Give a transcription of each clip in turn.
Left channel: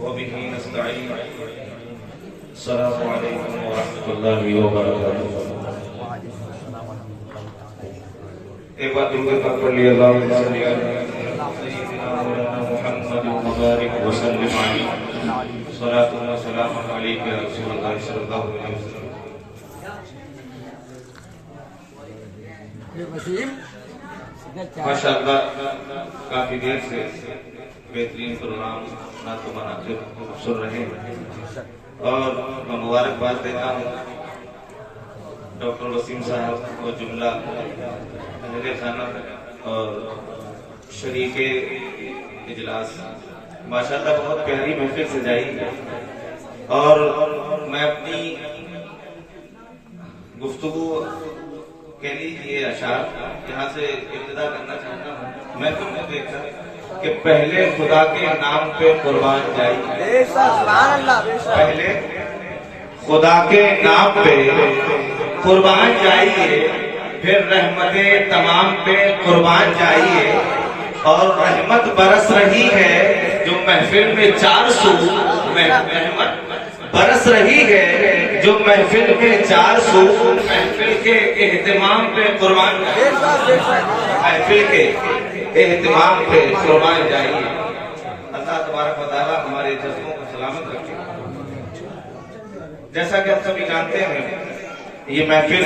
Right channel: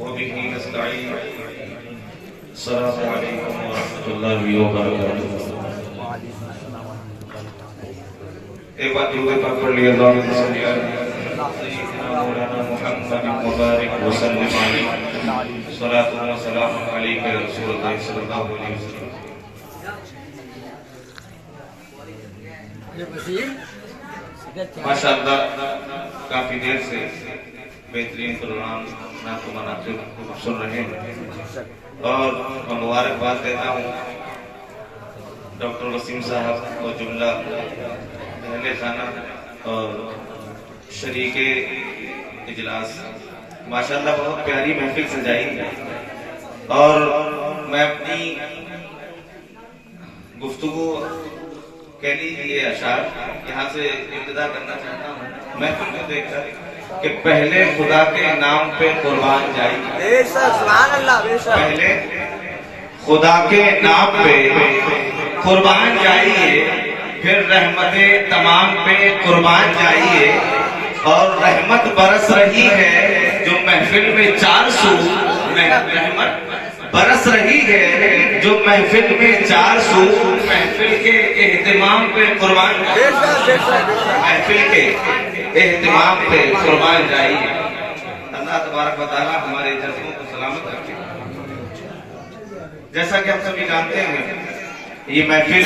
وبه نستعين. السلام عليكم ورحمة الله وبركاته. ایک بات درود پاک پڑھ لیے اللہم صلی علی سیدنا مولانا محمد مبارک وسلم علیہ صلاۃ و سلام علیک یا رسول اللہ صلی اللہ علیہ وسلم. ماشاءاللہ کافی دیر سے بہترین پروگرام نعت و مناقب سن رہے ہیں اور مبارکباد دیتا ہوں ڈاکٹر وسیم صاحب اور جملہ اہل خانہ اور شریک اجلاس. ماشاءاللہ بہت پیاری محفل سجائی اور میں اپنی گفتگو کہہ لیجیے اشعار یہاں سے ابتدا کرنا چاہتا ہوں محفل میں دیکھ کر کہ پہلے خدا کے نام پہ قربان جائیے. پہلے خدا کے نام پہ قربان جائیے پھر رحمت تمام پہ قربان جائیے. اور رحمت برس رہی ہے جو محفل میں 400 رحمت برس رہی ہے جو محفل میں 400 محفل کے اہتمام پہ قربان جائیے. محفل کے اہتمام پہ قربان جائیے. اللہ تبارک و تعالی ہمارے جذبوں کو سلامت رکھے. جیسا کہ ہم سبھی جانتے ہیں یہ محفل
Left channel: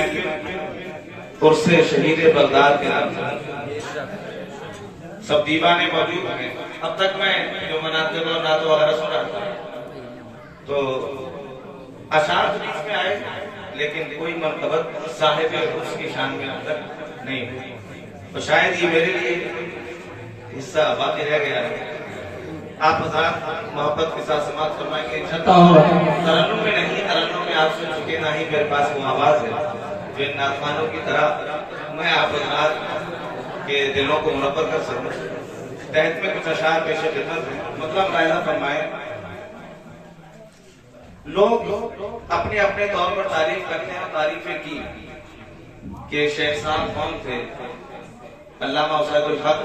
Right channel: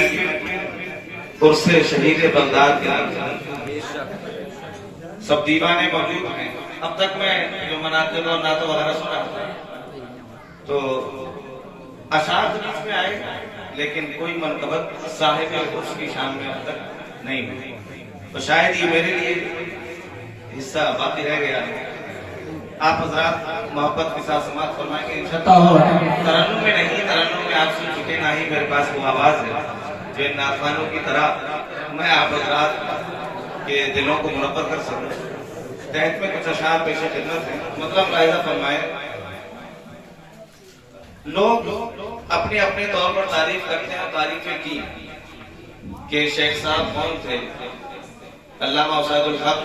عرس شہید بغداد کے نام سے سب دیوانے موجود ہیں. اب تک میں جو مناقب اور نعت وغیرہ سن رہا تھا تو اشعار حدیث میں آئے لیکن کوئی مرتبت صاحب عرس کی شان میں اب تک نہیں ہوئی. تو شاید یہ میرے لیے حصہ باقی رہ گیا ہے. آپ حضرات محبت کے ساتھ سماعت فرمائیں گے ترنم میں نہیں، ترنم میں آپ سن چکے نہ ہی میرے پاس وہ آواز ہے جو ان نعتخوانوں کی طرح میں آپ حضرات کے دلوں کو منور کر سکوں. تحت میں کچھ اشعار پیش خدمت ہے، مطلب ملاحظہ فرمائیں. لوگ اپنے اپنے طور پر تعریف کرتے ہیں اور تعریفیں کی کہ شیخ صاحب کون تھے، علامہ سعید الحق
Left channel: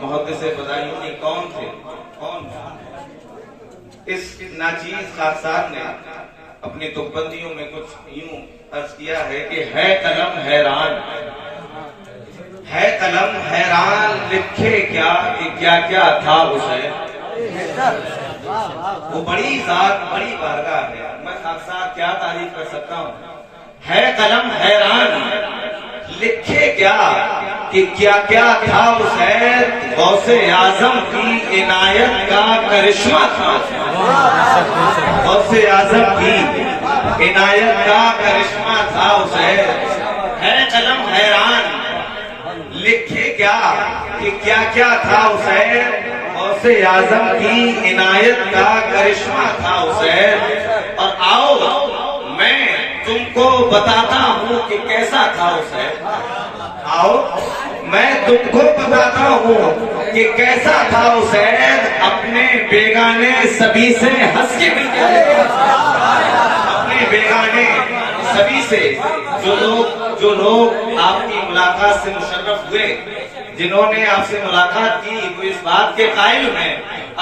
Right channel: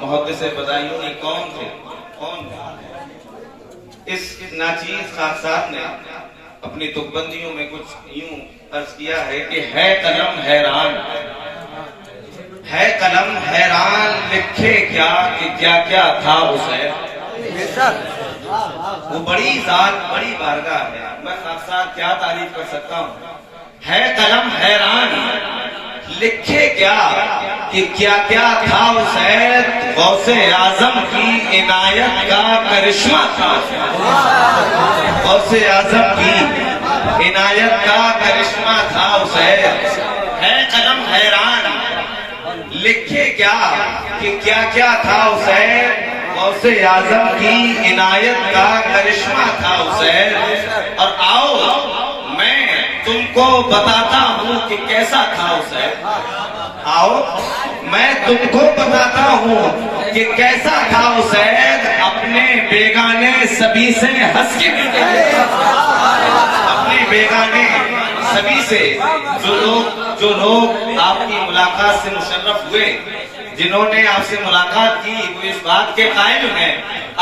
محدث بدایونی کون تھے. اس ناچیز خاصات نے اپنی تکبندیوں میں کچھ یوں عرض کیا ہے کہ ہے قلم حیران، ہے قلم حیران لکھے کیا کہ کیا کیا تھا اسے. وہ بڑی ذات بڑی بارگاہ ہے، میں خاصات کیا تعریف کر سکتا ہوں. ہے قلم حیران لکھے کیا کہ کیا کیا تھا حسین، غوث اعظم کی عنایت کا کرشمہ تھا. غوث اعظم کی عنایت کا کرشمہ تھا حسین. ہے قلم حیران لکھے کیا کہ کیا کیا تھا حسین، غوث اعظم کی عنایت کا کرشمہ تھا حسین. اور آؤ میں تم کو بتاتا ہوں کہ کیسا تھا حسین. آؤ میں تم کو بتاتا ہوں کہ کیسا تھا حسین. اپنے بیگانے سبھی سے ہنس کے ملتے تھے. اپنے بیگانے سبھی سے جو لوگ آپ کی ملاقات سے مشرف ہوئے، جنہوں نے آپ سے ملاقات کی، وہ اس بات کے قائل ہیں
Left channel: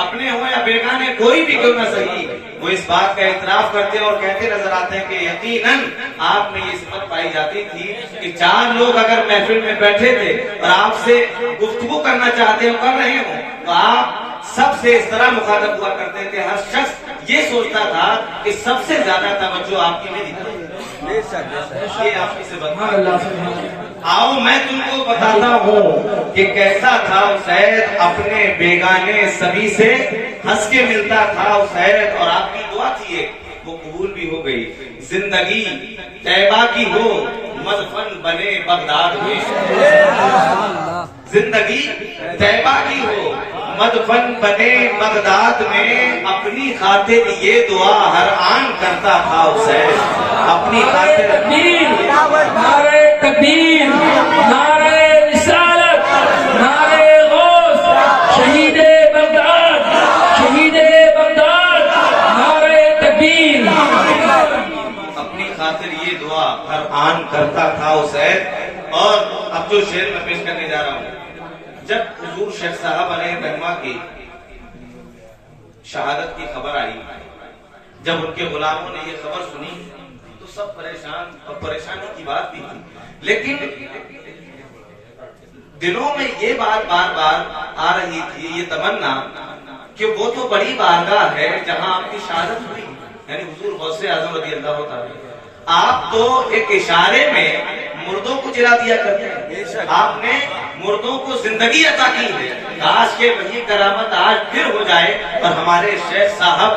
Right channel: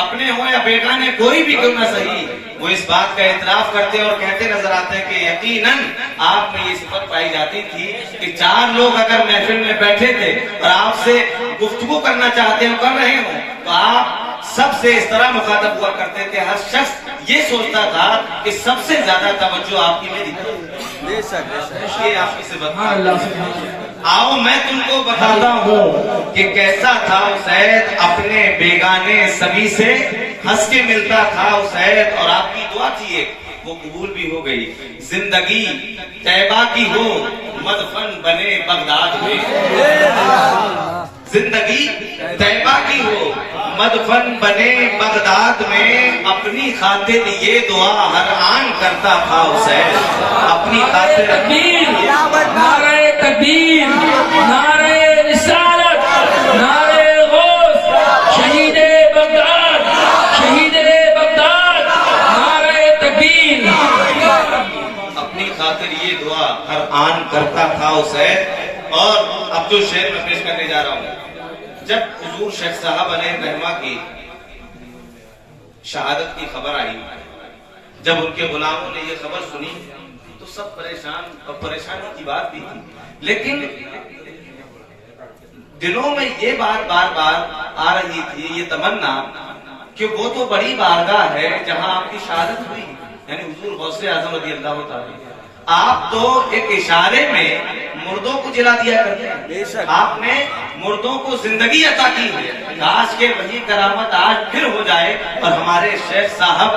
اپنے ہو یا بیگانے کوئی بھی کیوں نہ صحیح، وہ اس بات کا اعتراف کرتے اور کہتے نظر آتے ہیں کہ یقیناً آپ میں یہ صفت پائی جاتی تھی کہ 4 لوگ اگر محفل میں بیٹھے تھے اور آپ سے گفتگو کرنا چاہتے ہو کر رہے ہوں تو آپ سب سے اس طرح مخاطب ہوا کرتے تھے. ہر شخص یہ سوچتا تھا کہ سب سے زیادہ توجہ آپ کی میری طرف. یہ آپ کی صفت. آؤ میں تم کو بتاتا ہوں کہ کیسا تھا حسین. اپنے بیگانے سبھی سے ہنس کے ملتا تھا حسین. اور آپ کی دعا تھی ایک، وہ قبول بھی ہو گئی. زندگی طیبہ کی ہو مدفن بنے بغداد میں. زندگی طیبہ کی ہو مدفن بنے بغداد میں. اپنی خاطر یہ دعا ہر آن کرتا تھا حسین. اپنی خاطر نعرہ تکبیر، نعرہ رسالت، نعرہ غوث، شہید بغداد، شہید بغداد، نعرہ تکبیر. اپنی خاطر یہ دعا ہر آن کرتا تھا حسین. اور اب جو شعر میں پیش کرنے جا رہا ہوں، جب حضور شیخ صاحب علیہ رحمہ کی شہادت کی خبر آئی. جب ان کے غلاموں نے یہ خبر سنی تو سب پریشان، اور پریشانی کی بات بھی تھی، لیکن دلوں میں یہ بات بار بار آ رہی تھی، یہ تمنا کہ وہ تو بڑی بارگاہ ہے جہاں آپ کی شہادت ہوئی، یعنی حضور غوث اعظم رضی اللہ تعالی. آپ تو ایک اشارے میں مردوں کو جلا دیا کرتے ہیں، آپ نے مردوں کو زندگی عطا کی ہے. کاش کہ وہی کرامت آج پھر ہو جائے اور ہمارے شیخ صاحب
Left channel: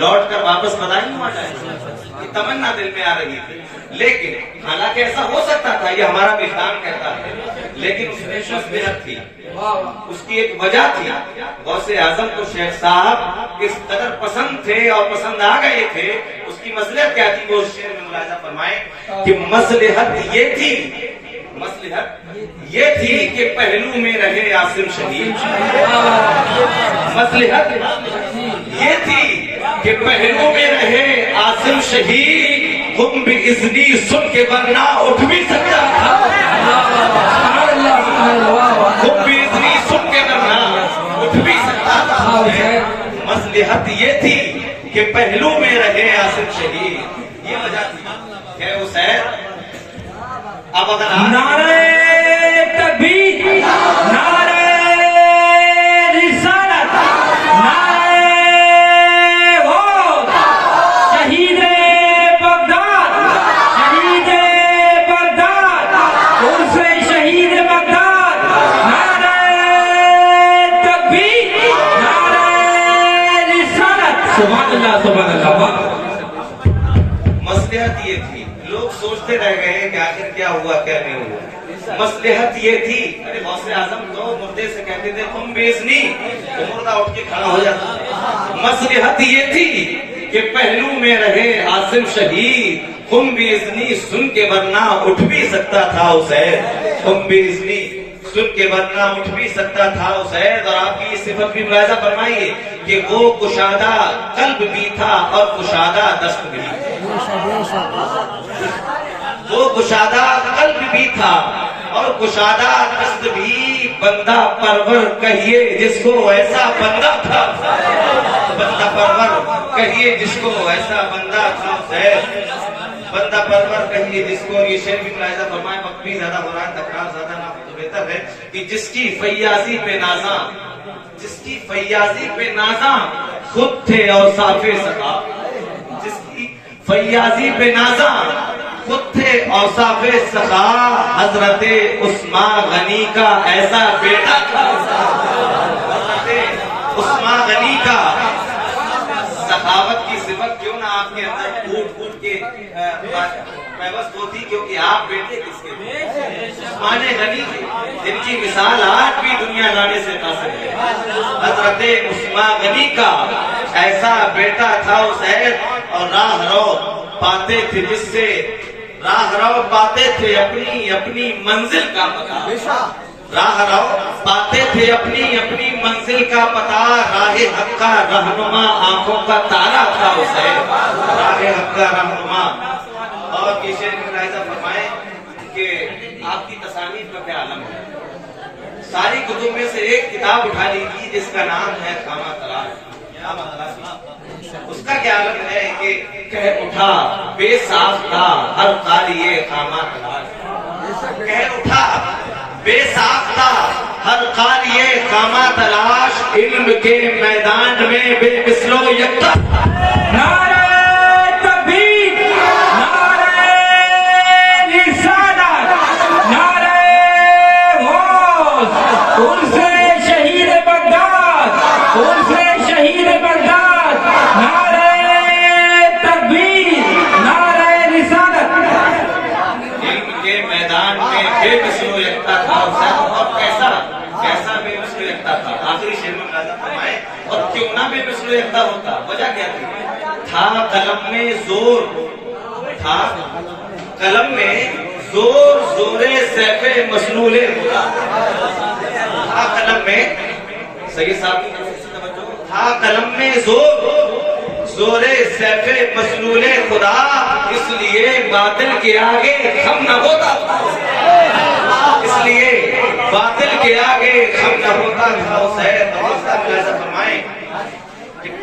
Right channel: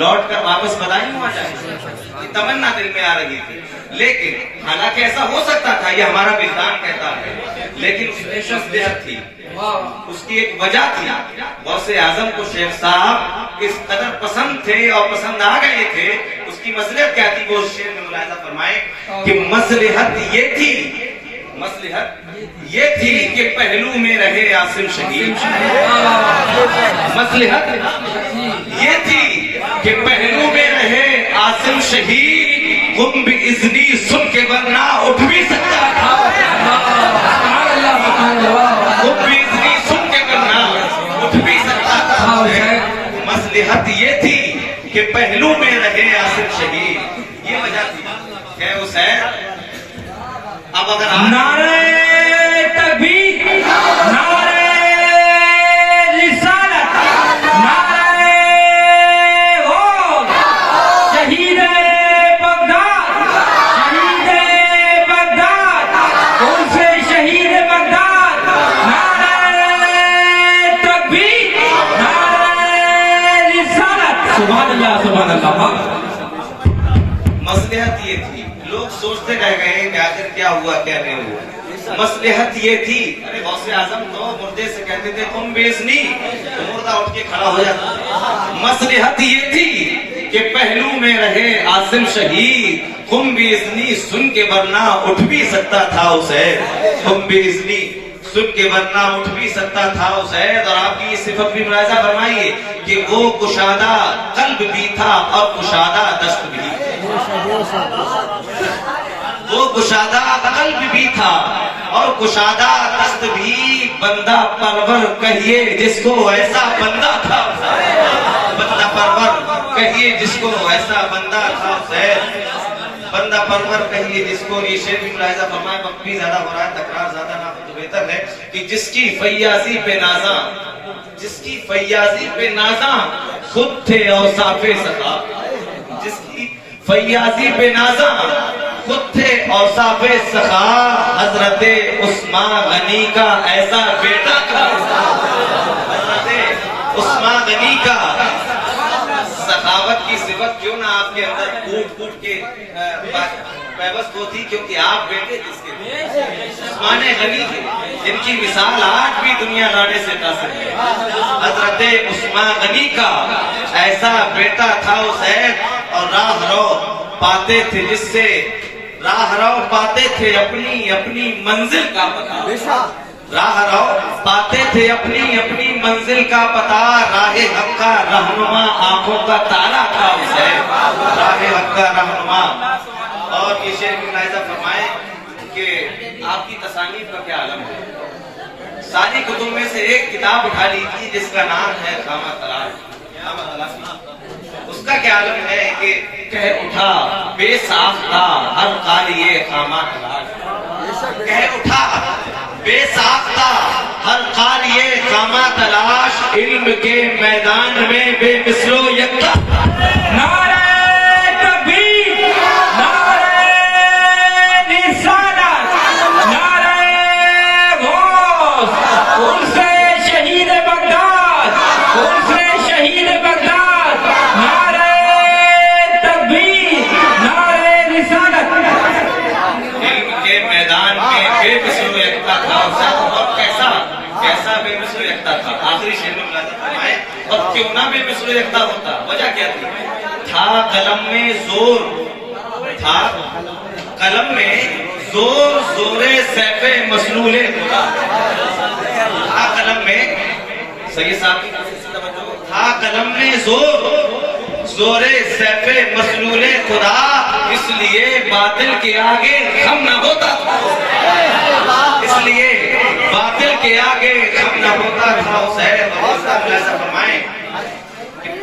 لوٹ کر واپس بدائی ہو جائے. یہ تمنا دل میں آ رہی تھی، لیکن حالانکہ ایسا ہو سکتا تھا، یہ ہمارا وجدان کہتا ہے، لیکن اس میں شخصیت تھی، اس کی ایک وجہ تھی. غوث اعظم کو شیخ صاحب اس قدر پسند تھے اور پسند آ گئے تھے. اس کی مصلحت کیا تھی؟ وہ شعر میں ملاحظہ فرمائے کہ مصلحت یہ تھی، مصلحت یہ تھی کہ پہلو میں رہے عاصم شہید. مصلحت یہ تھی کہ پہلو میں رہے عاصم شہید، تم بھی اذنی سن کے ورنہ اٹھ بھی سکتا تھا، تم بھی اذنی سن کے ورنہ اٹھ بھی سکتا تھا. مصلحت یہ تھی کہ پہلو میں رہے عاصم شہید، یہ وجہ تھی. ہے حسین اب اگر نعرہ تکبیر، نعرہ رسالت، نعرہ غوث، شہید بغداد، شہید بغداد، کون سے شہید بغداد، نعرہ تکبیر، نعرہ رسالت. سبحان اللہ، سبحان اللہ. مصلحت یہ تھی. لوگ سوچتے رہ گئے کہ آخر کیا ہوا کیا نہیں ہوا. مصلحت یہ تھی. غوث اعظم تو مردے سے کہتے تھے تم بے اذنی، تو مردہ اٹھ کے کھڑا ہو جاتا. مصلحت یہ تھی کہ پہلو میں رہے عاصم شہید، تم بے اذنی سن کے ورنہ اٹھ بھی سکتا تھا حسین، تم بے اذنی سن کے ورنہ اٹھ بھی سکتا تھا حسین. اور آپ کی یہ صفت بھی ملاحظہ فرمائیے کہ وہ کشادہ قلب بھی تھا اور کشادہ دست بھی. وہ کشادہ قلب بھی تھا اور کشادہ دست بھی. بندہ پرور کہیے جس کو ایسا بندہ تھا، بندہ پرور کہیے جس کو ایسا بندہ تھا حسین. بندہ پرور کہیے جس کو. یہ شعر بھی ملاحظہ فرمائے، وقت بھی زیادہ ہو رہا ہے، تکرار زیادہ نہ ہو تو بہتر ہے کہ جس کی فیاضی پہ نازاں، جس کی فیاضی پہ نازاں خود تھے اوصاف سخا. جس کی فیاضی پہ نازاں خود تھے اوصاف سخا. حضرت عثمان غنی کا ایسا بیٹا تھا، حضرت عثمان غنی کا. سخاوت کی صفت کیوں نہ آپ کے اندر پھوٹ پھوٹ کے پیوست ہوتی، کیونکہ آپ بیٹے کس کے تھے؟ عثمان غنی کے، جن کی مثال آج بھی دنیا لانے سے قاصر ہے. حضرت عثمان غنی کا ایسا بیٹا تھا حسین. اور راہ رو پاتے تھے جس سے، راہ رو پاتے تھے اپنی اپنی منزل کا پتہ. راہ رو پاتے تھے اپنی اپنی منزل کا پتہ. راہ حق کا رہنما آنکھوں کا تارا تھا حسین، راہ حق کا رہنما. اور یہ شعر بھی ملاحظہ فرمائیں کہ آپ کی تصانیف کا کیا عالم ہے. ساری کتب میں سے ایک کتاب اٹھا لیجیے جس کا نام ہے خامہ تلاش. اس کا کیا عالم ہے کہ کہہ اٹھا بے ساختہ ہر قاریے خامہ تلاش. کہہ اٹھا بے ساختہ ہر قاریے خامہ تلاش. علم کے میدان میں بے مثل و یکتا. نعرہ تکبیر، نعرہ رسالت، نعرہ غوث. ان سے شہید بغداد، ان سے شہید بغداد. نعرہ تکبیر، نعرہ رسالت. علم کے میدان میں بے مثل و یکتا تھا. اور کیسا بے مثل و یکتا تھا. آخری شعر میں ملاحظہ فرمائیں، اور کیوں نہ بے مثل و یکتا ہوتا، وجہ کیا تھی؟ تھا قلم میں زور، تھا قلم میں زور، زورے سیف مسلول خدا. تھا قلم میں، سید صاحب کی توجہ، تھا قلم میں زور، زورے سیف مسلول خدا. اس لیے باطل کے آگے خم نہ ہوتا تھا، اس لیے باطل کے آگے خم نہ ہوتا تھا حسین. فرمائیں کہ